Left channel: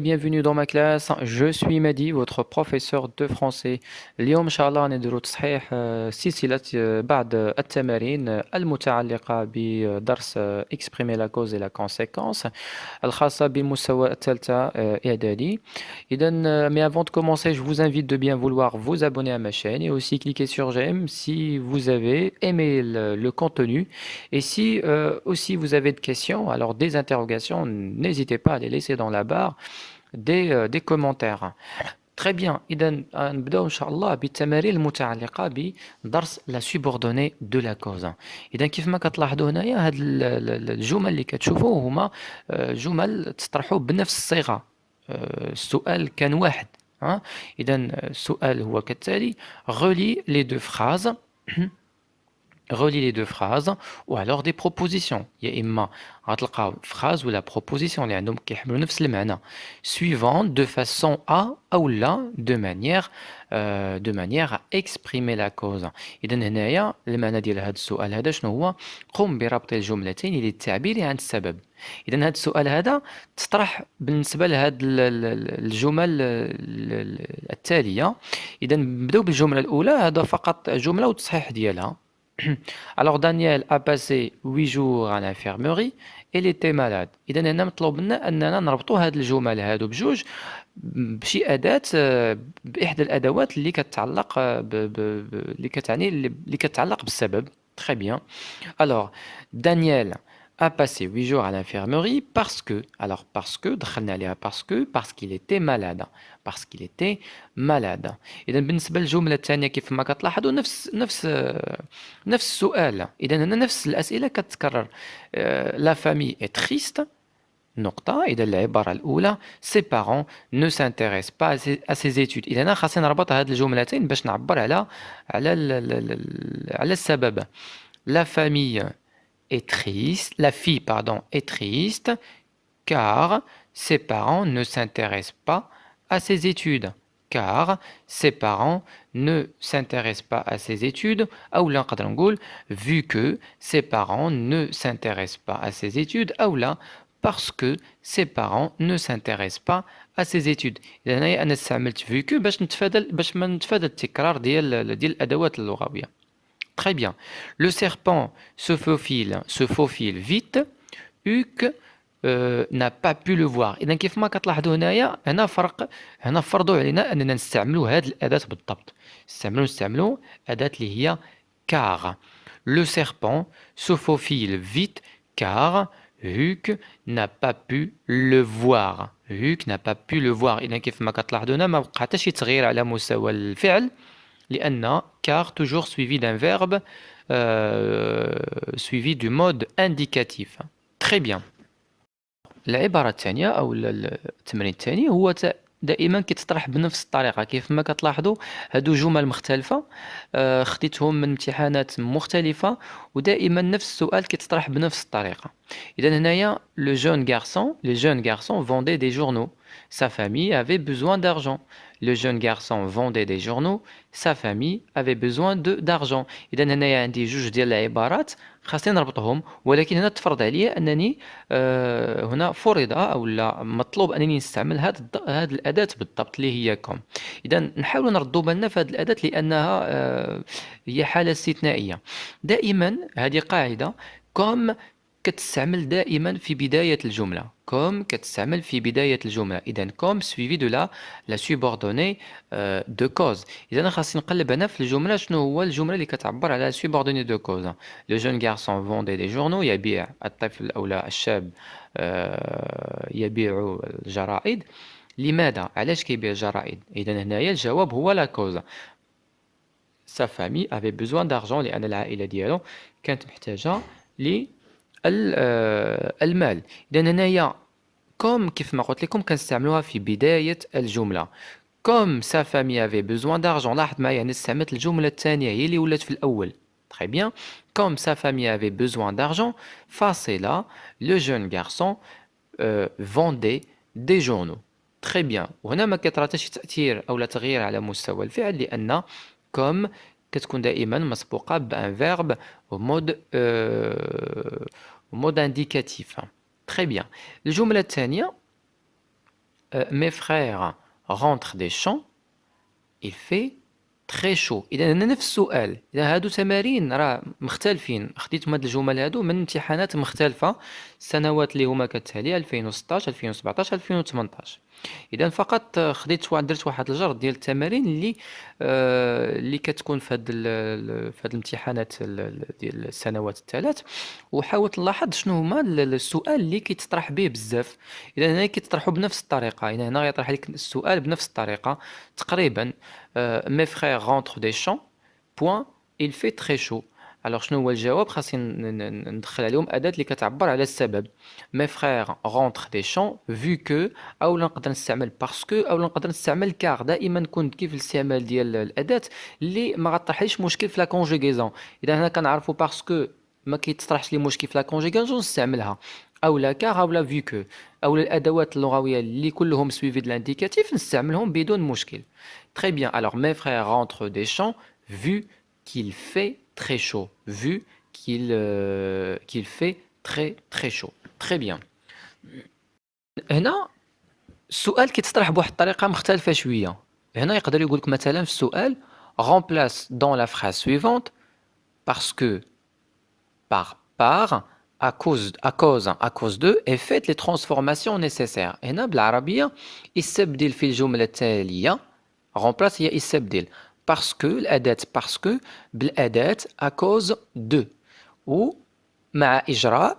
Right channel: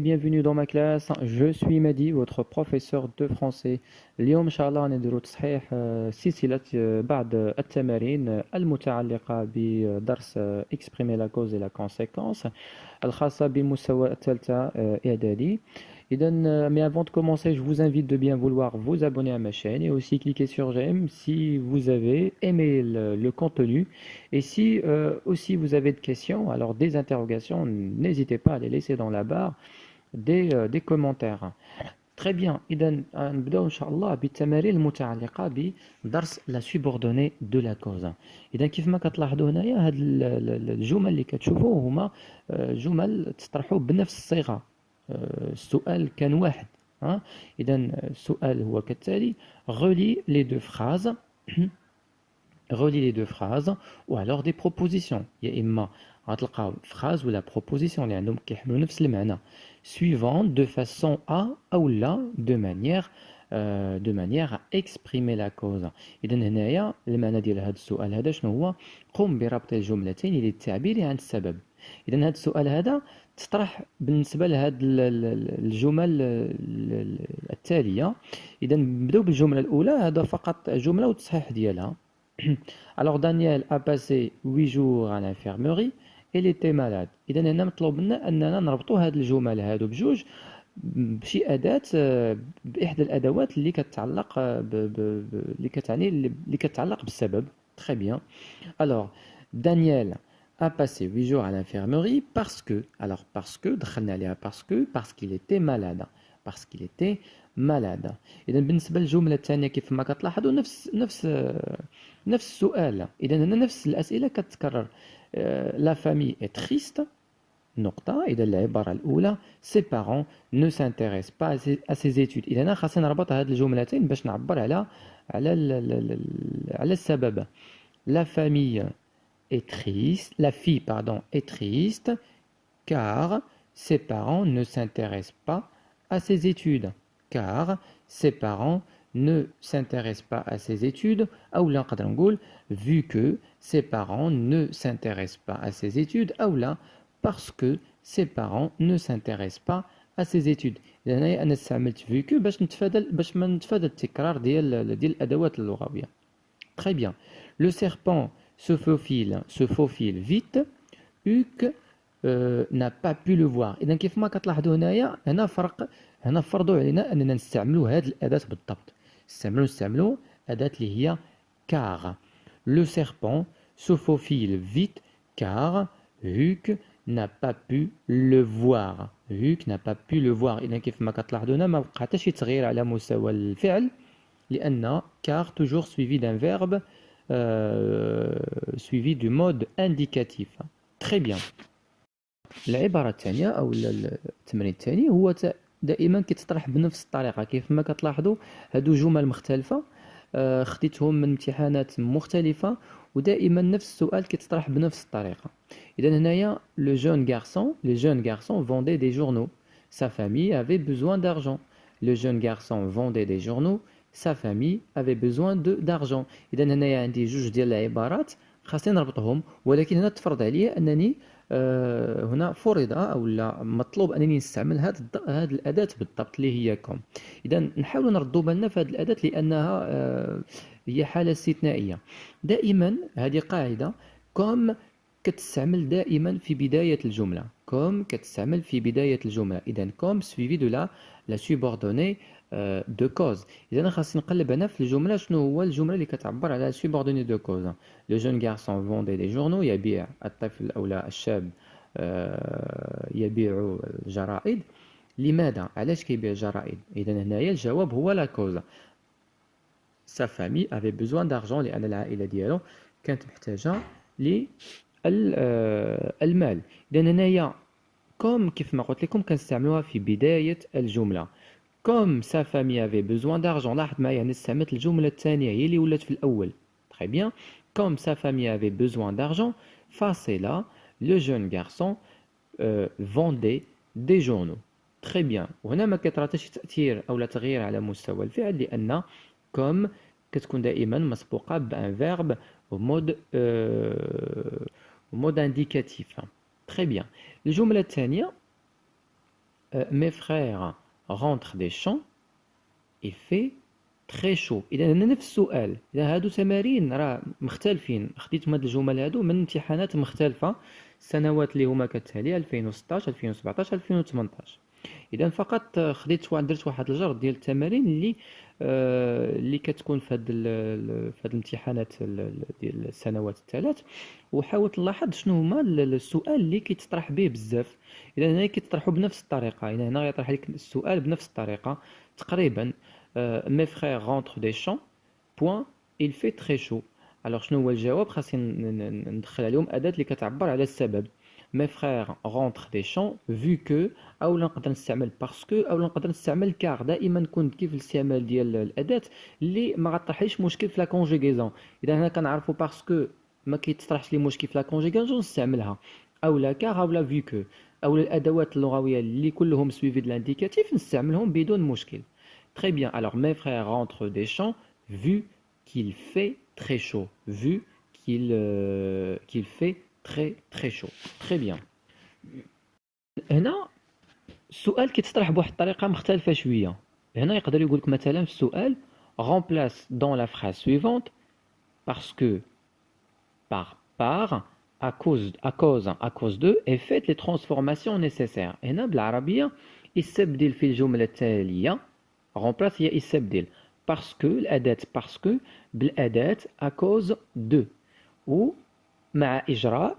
bienvenue dans ma classe. Je suis Mehdi, votre professeur de français. اليوم إن شاء الله نديرو تصحيح سلسلة بعض التمارين المتعلقة بدرس exprimer la cause et la conséquence الخاصة بمستوى الثالثة إعدادي. إذا mais avant de commencer, je vous invite de bien vouloir vous abonner à ma chaîne et aussi cliquer sur j'aime si vous avez aimé le contenu. Et si aussi vous avez de questions, alors des interrogations, n'hésitez pas à les laisser dans la barre des commentaires. Très bien. إذا نبداو إن شاء الله بالتمارين المتعلقة بدرس لا سوبوردوني دو لا كوز. إذا كيف ما كتلاحظوا هنايا هاد الجمل اللي كتشوفوا هما جمل تطرحوا بنفس الصيغة. السؤال كان واحد. إذا السؤال هو كالتالي: relie les deux phrases. Relie les deux phrases ou alors des propositions. يا إما غتلقاو phrase ولا proposition اللي عندهم كيحملوا نفس المعنى suivant de façon à أو لا de manière à exprimer la cause. إذا هنايا المعنى ديال هذا السؤال هذا شنو هو؟ قم بربط الجملتين للتعبير عن السبب. إذا هذا السؤال هذا تطرح بالنسبة لهذه الجمل التالية. إذا نبداو بالجملة الأولى، هذا فقط جملة وتصحيح ديالها. Alors Daniel a passé 8 jours à l'infirmerie et il était malade. إذا هنا مطلوب لنا أننا نربطوا هاد الجمل هادو بجوج بشي أداة بإحدى الأدوات اللي كتعلق اللي كتعني اللي كتعلق بالسبب. Très bien. Alors Daniel a passé 8 jours à l'infirmerie parce que, alors parce que, دخلنا عليها parce qu'il était malade. Parce qu'il était malade. إذا بالنسبة للجملة الثانية كيف ما كتلاحظوا نفس السؤال. إذا هنا نفس الأسئلة كتتكرر. La famille est triste. نقطة. إذا العبارة الأولى ses parents ne s'intéressent pas à ses études. إذا هنا خاصني نربط هاد الجملتين باش نعبر على السبب. La famille est triste. La fille, pardon, est triste car ses parents ne s'intéressent pas à ses études. Car ses parents ne s'intéressent pas à ses études. Ou là, vu que ses parents ne s'intéressent pas à ses études. Ou là, parce que ses parents ne s'intéressent pas à ses études. إذا أنا استعملت vu que باش ما نتفادى التكرار ديال الأدوات اللغوية. Très bien. Le serpent se faufile vite. Hugues n'a pas pu le voir. إذا كيف ما كتلاحظوا هنا فرضوا علينا أننا نستعملوا هذه الأداة بالضبط. نستعملوا أداة اللي هي car. Le serpent se faufile vite car Hugues n'a pas pu le voir. Hugues n'a pas pu le voir. إذا كيف ما كتلاحظوا هنا ما بقى حتى شي تغيير على مستوى الفعل. لأن car toujours suivi d'un verbe suivi du mode indicatif. Très bien. العبارة الثانية أو التمرين الثاني هو دائما كيتطرح بنفس الطريقة. كيف ما كتلاحظوا هادو جمل مختلفة خديتهم من امتحانات مختلفة ودائما نفس السؤال كيتطرح بنفس الطريقة. إذا هنايا les jeunes garçons vendaient des journaux. Sa famille avait besoin d'argent. Le jeune garçon vendait des journaux. Sa famille avait besoin d'argent. إذا هنايا عندي جوج ديال العبارات خاصني نربطهم، ولكن هنا تفرض عليا أنني هنا فرض أو لا مطلوب أنني نستعمل هذه الأداة بالضبط اللي هي كوم. إذا نحاول نردوا بالنا في هذه الأداة لأنها هي حالة استثنائية. دائما هذه قاعدة كوم كتستعمل دائما في بداية الجملة. كوم كتستعمل في بداية الجملة. إذا كوم suivi de la subordonnée de cause. إذا أنا خاصني نقلب هنا في الجملة شنو هو الجملة اللي كتعبر على subordonnée de cause. Le jeune garçon vendait des journaux. يبيع الطفل أو لا الشاب يبيع الجرائد. لماذا؟ علاش كيبيع الجرائد؟ إذا هنايا الجواب هو لا كوز. Sa famille avait besoin d'argent لأن العائلة ديالو كانت محتاجة المال. إذا هنايا كوم كيف ما قلت لكم كنستعملوها في بداية الجملة. كوم sa famille avait besoin d'argent. لاحظ معايا أنا استعملت الجملة الثانية هي اللي ولات في الأول. Très bien. Comme sa famille avait besoin d'argent, فاصلة le jeune garçon vendait des journaux. Très bien. وهنا ما كيطرا حتى شي تأثير أو لا تغيير على مستوى الفعل لأن كوم كتكون دائما مسبوقة بان فيرب au mode indicatif. Très bien. الجملة الثانية mes frères rentrent des champs il fait très chaud اذا هنا نفس السؤال اذا هادو تمارين راه مختلفين خديتهم هاد الجمل هادو من امتحانات مختلفه السنوات اللي هما كتالي 2016 2017 2018 اذا فقط خديت درت واحد الجرد ديال التمارين اللي كتكون في هاد الامتحانات ديال السنوات الثلاث وحاولت نلاحظ شنو هما السؤال اللي كيتطرح به بزاف اذا هنا كيتطرحوا بنفس الطريقه اذا هنا غيطرح لك السؤال بنفس الطريقه تقريبا mes frères rentrent des champs point il fait très chaud alors شنو هو الجواب خاصني ندخل عليهم اداه اللي كتعبر على السبب mes frères rentrent des champs vu que او نقدر نستعمل parce que او نقدر نستعمل car دائما كنت كيف الاستعمال ديال الاداه اللي ما غطرحليش مشكل في لا كونجوغيزون اذا هنا كنعرفوا parce que ما كيتطرحش لي مشكل في لا كونجوغيزون نستعملها او لا كار او لا vu que او الادوات اللغويه اللي كلهم سويفي د الانديكاتيف نستعملهم بدون مشكل. Très bien. Alors, mes frères rentrent des champs vu qu'il fait très chaud. Vu qu'il fait très très chaud. Très bien. هنا السؤال كيتطرح بواحد الطريقة مختلفة شوية. هنا يقدر يقول لك مثلا في السؤال remplace dans la phrase suivante parce que par à cause de et faites les transformations nécessaires. هنا بالعربية يستبدل في الجملة التالية remplace هي يستبدل parce que الأداة parce que بالأداة à cause de ومع إجراء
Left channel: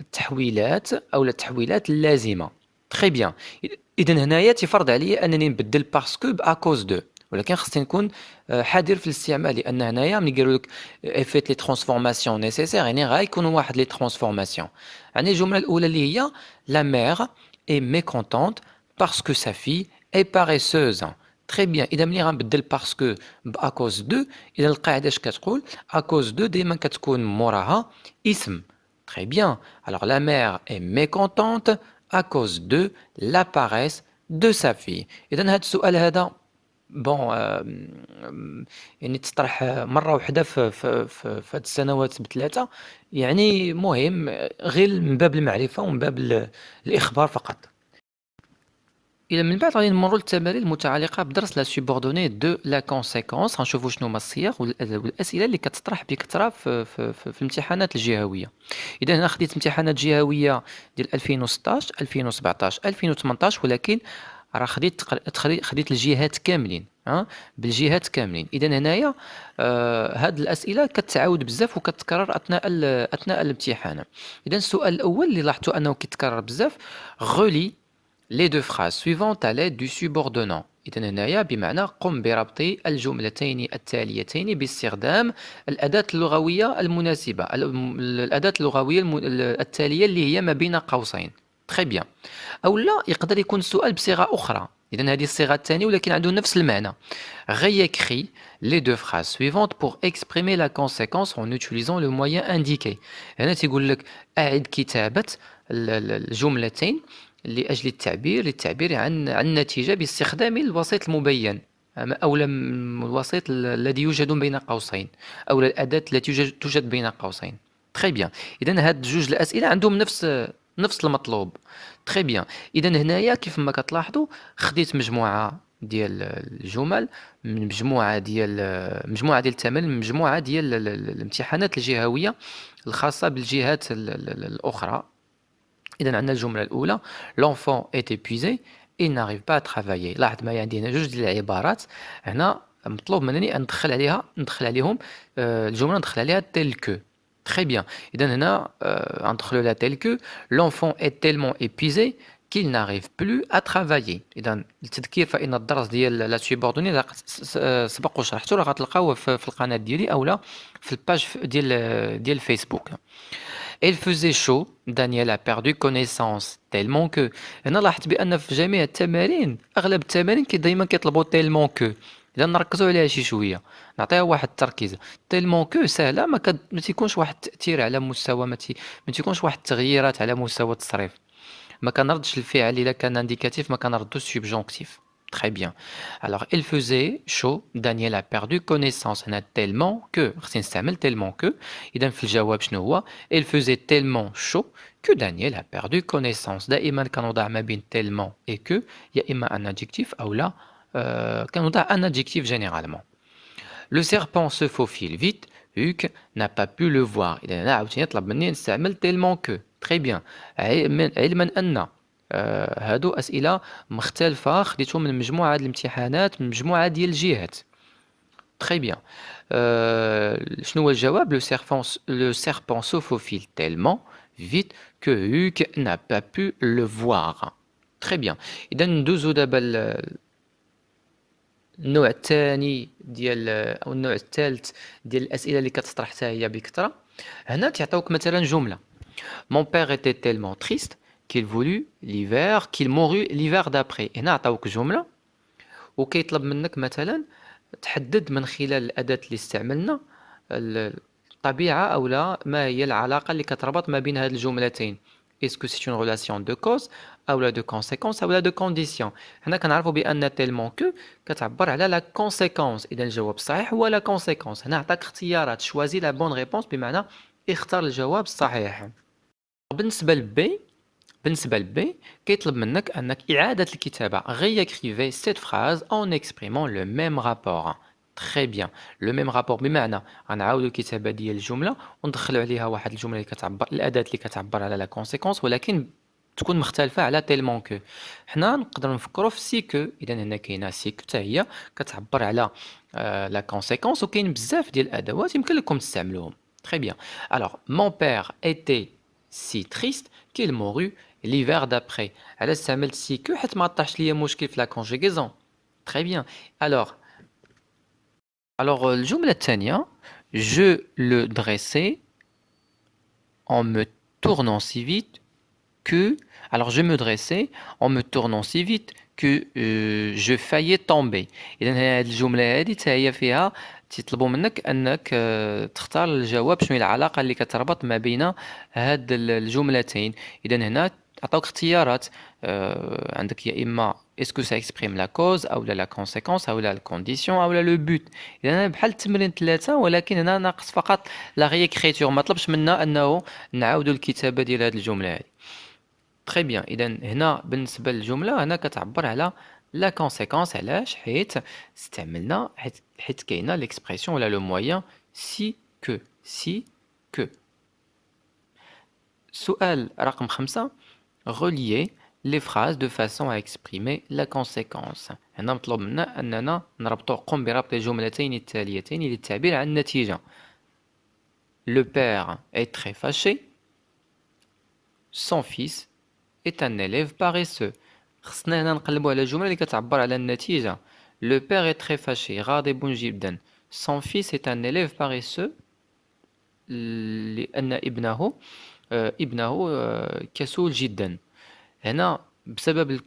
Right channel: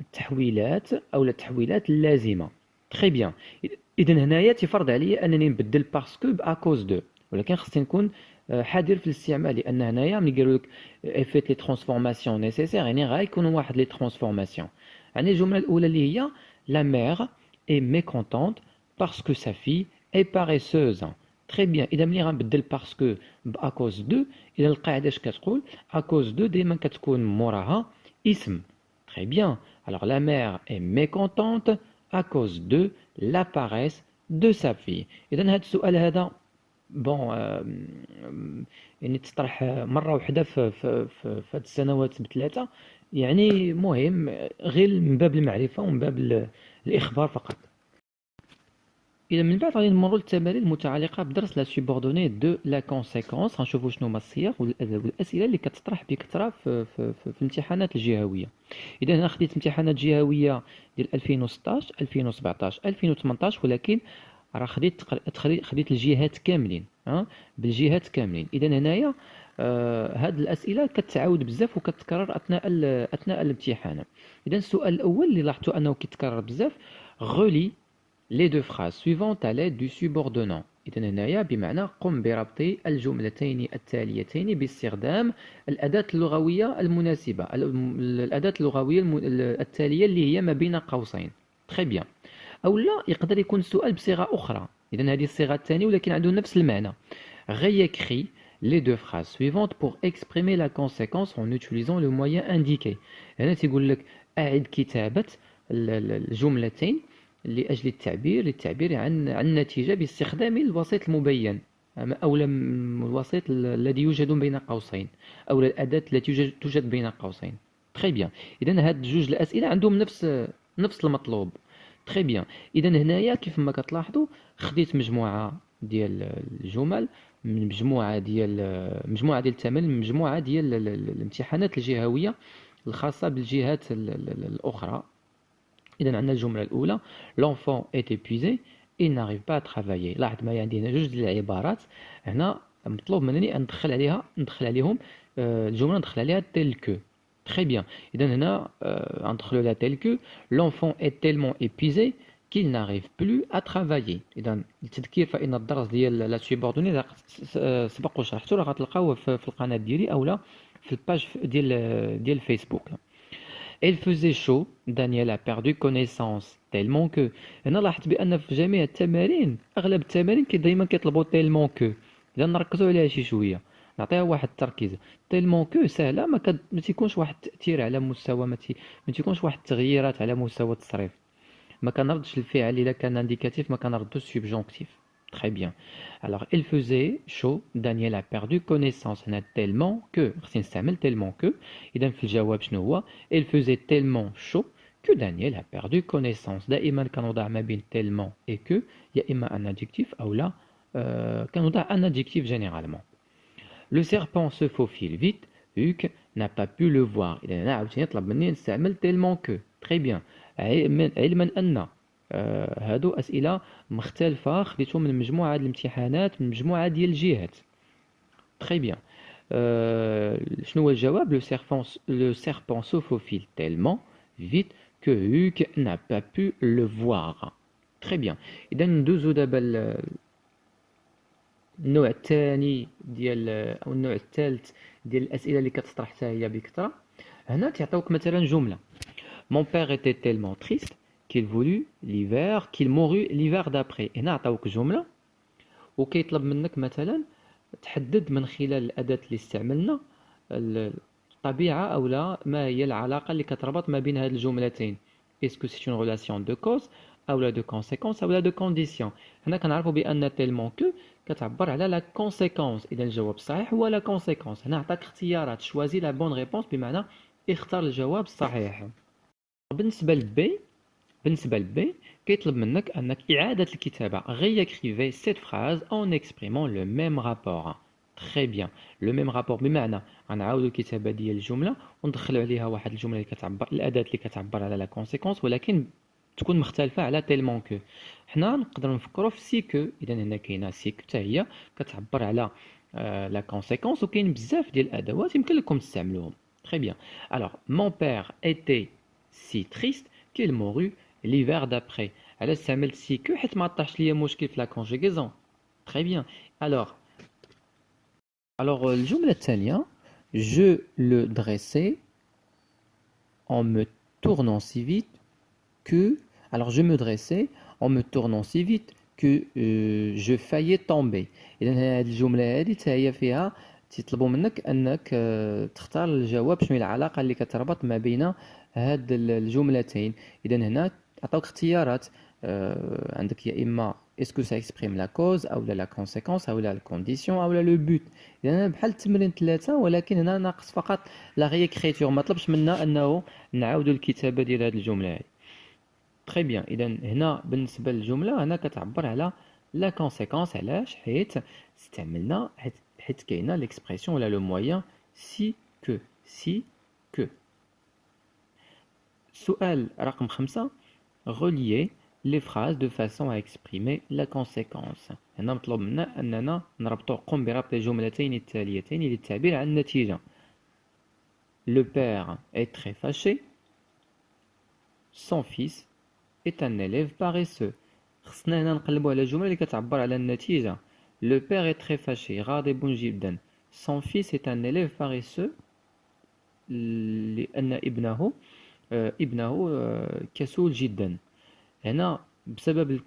التحويلات أو التحويلات اللازمة. Très bien. إذا هنايا تفرض عليا أنني نبدل parce que à cause de ولكن خصني نكون حذر في الاستعمال لأن هنايا ملي قالوا لك فيت لي ترانسفورماسيون نيسيسير يعني غيكونوا واحد لي ترانسفورماسيون. يعني الجملة الأولى اللي هي la mère est mécontente parce que sa fille est paresseuse. Très bien. إذا ملي غنبدل باسكو à cause de إذا القاعدة اش كتقول à cause de دائما كتكون موراها اسم. Très bien. Alors la mère est mécontente à cause de la paresse de sa fille. إذا هذا السؤال هذا بون يعني تطرح مرة واحدة في هاد السنوات بثلاثة يعني مهم غير من باب المعرفة ومن باب الإخبار فقط. إلى من بعد غادي نمروا للتمارين المتعلقة بدرس لا سوبوردوني دو لا كونسيكونس غنشوفوا شنو هما الصيغ والأسئلة اللي كتطرح بكثرة في الامتحانات الجهوية. إذا هنا خديت امتحانات جهوية ديال 2016 2017 2018 ولكن راه خديت الجهات كاملين بالجهات كاملين. إذا هنايا هاد الأسئلة كتعاود بزاف وكتكرر أثناء الامتحان. إذا السؤال الأول اللي لاحظتوا أنه كيتكرر بزاف غولي les deux phrases suivantes à l'aide du subordonnant. إذن هنايا بمعنى قم بربط الجملتين التاليتين باستخدام الأداة اللغوية المناسبة الأداة اللغوية التالية اللي هي ما بين قوسين. Très bien. أو لا يقدر يكون السؤال بصيغة أخرى. إذن هذه الصيغة الثانية ولكن عنده نفس المعنى. Réécris les deux phrases suivantes pour exprimer la conséquence en utilisant le moyen indiqué. هنا تيقول لك أعد كتابة الجملتين لأجل للتعبير عن النتيجة باستخدام الوسيط المبين أو الوسيط الذي يوجد بين قوسين أو الأداة التي توجد بين قوسين. Très bien. إذن هاد جوج الأسئلة عندهم نفس المطلوب. Très bien. إذن هنايا كيف ما كتلاحظوا خديت مجموعة ديال الجمل من مجموعة ديال التمارين من مجموعة ديال الامتحانات الجهوية الخاصة بالجهات الأخرى. إذا عندنا الجملة الأولى l'enfant est épuisé il n'arrive pas à travailler. لاحظ معايا عندي هنا جوج ديال العبارات هنا مطلوب منني أن ندخل عليهم الجملة ندخل عليها tel que. Très bien. إذا هنا ندخلوا لها tel que l'enfant est tellement épuisé qu'il n'arrive plus à travailler. إذا التذكير فإن الدرس ديال لا سوبوردوني سبق وشرحته راه غتلقاوه في القناة ديالي أولا في الباج ديال فيسبوك. Il faisait chaud, Daniel a perdu connaissance tellement que. هنا لاحظت بأن في جميع التمارين أغلب التمارين دايما كيطلبوا tellement que. إذا نركزوا عليها شي شوية نعطيها واحد التركيز. tellement que سهلة ما تيكونش واحد التأثير على مستوى ما تيكونش واحد التغييرات على مستوى التصريف. ما كنردش الفعل إلا كان انديكاتيف ما كنردو السبجونكتيف. Très bien. Alors, il faisait chaud. Daniel a perdu connaissance. On a tellement que. خصني نستعمل tellement que. إذا في الجواب شنو هو؟ Il faisait tellement chaud que Daniel a perdu connaissance. دائما كنوضع ما بين tellement et que il y a إما un adjectif أو لا كنوضع un adjectif généralement. Le serpent se faufile vite. Hugues n'a pas pu le voir. إذا هنا عاوتاني يطلب مني نستعمل tellement que. Très bien. علما أن هادو أسئلة مختلفة خديتهم من مجموعة ديال الامتحانات من مجموعة ديال الجهات. Très bien. شنو هو الجواب؟ Le serpent se faufile tellement vite que Hugues n'a pas pu le voir. Très bien. إذا ندوزو دابا النوع الثاني ديال او النوع الثالث ديال الاسئله اللي كتطرح حتى هي بكثره. هنا تيعطيوك مثلا جمله: Mon père était tellement triste qu'il voulut l'hiver qu'il mourut l'hiver d'après. هنا عطاوك جمله وكيطلب منك مثلا تحدد من خلال الاداه اللي استعملنا الطبيعه او لا ما هي العلاقه اللي كتربط ما بين هاد الجملتين. Est-ce que c'est une relation de cause أو لا de conséquence أو لا de condition؟ حنا كنعرفوا بأن tellement que كتعبر على la conséquence. إذا الجواب الصحيح هو la conséquence. هنا عطاك اختيارات choisis la bonne réponse بمعنى اختار الجواب الصحيح. بالنسبة لبي كيطلب منك أنك إعادة الكتابة. réécrivez cette phrase en exprimant le même rapport. Très bien. Le même rapport بمعنى غنعاودو الكتابة ديال الجملة وندخلو عليها واحد الجملة اللي كتعبر الأداة اللي كتعبر على لا كونسيكونس ولكن تكون مختلفة على تيلمون كو. حنا نقدروا نفكروا في سي كو. إذا هنا كاينة سي كو حتى هي كتعبر على لا كونسيكونس وكاين بزاف ديال الأدوات يمكن لكم تستعملوهم. Très bien. Alors, mon père était si triste qu'il mourut l'hiver d'après. على استعملت سي كو حيت ما طاحش ليا مشكل في لا كونجيغيزون. Très bien. Alors, الجملة الثانية: Je le dressais en me tournant si vite que... Alors, je me dressais en me tournant si vite que je faillais tomber. إذا هذه الجملة هذه حتى هي فيها تطلبوا منك أنك تختار الجواب شنو هي العلاقة اللي كتربط ما بين هاد الجملتين. إذا هنا عطاوك اختيارات عندك يا إما est-ce que ça exprime la cause أو لا la conséquence أو لا la condition أو لا le but. إذا هنا بحال التمرين 3 ولكن هنا ناقص فقط la réécriture. ما طلبش منا أنه نعاودوا الكتابة ديال هاد الجملة هذه. Très bien. إذا هنا بالنسبة للجملة هنا كتعبر على la conséquence. علاش؟ حيت استعملنا حيت كاينه l'expression ولا le moyen si que. سؤال رقم 5: relier les phrases de façon à exprimer la conséquence. هنا مطلوب منا أننا نربطو قم بربط الجملتين التاليتين للتعبير عن النتيجة. Le père est très fâché. Son fils est un élève paresseux. خصنا هنا نقلبو على الجملة اللي كتعبر على النتيجة. Le père est très fâché. غاضب جدا. Son fils est un élève paresseux. لأن ابنه كسول جدا. هنا بسبب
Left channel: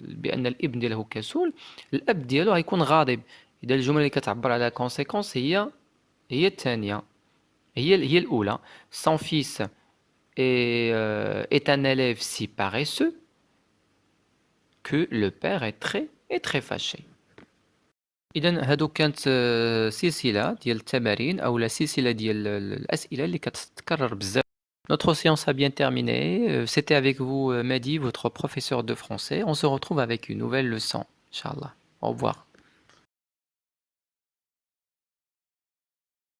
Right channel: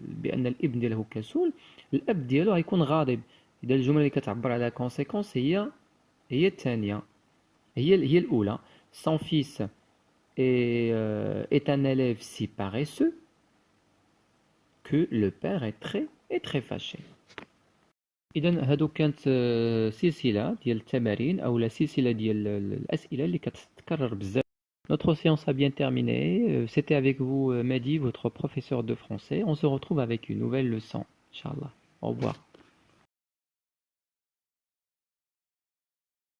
بأن الابن ديالو كسول الأب ديالو غيكون غاضب. إذا الجملة اللي كتعبر على كونسيكونس هي الثانية هي الأولى. Son fils est un élève si paresseux que le père est très fâché. إذا هادو كانت سلسلة ديال التمارين أو سلسلة ديال الأسئلة اللي كتتكرر بزاف. Notre séance a bien terminé. C'était avec vous Mehdi, votre professeur de français. On se retrouve avec une nouvelle leçon. Inch'Allah. Au revoir.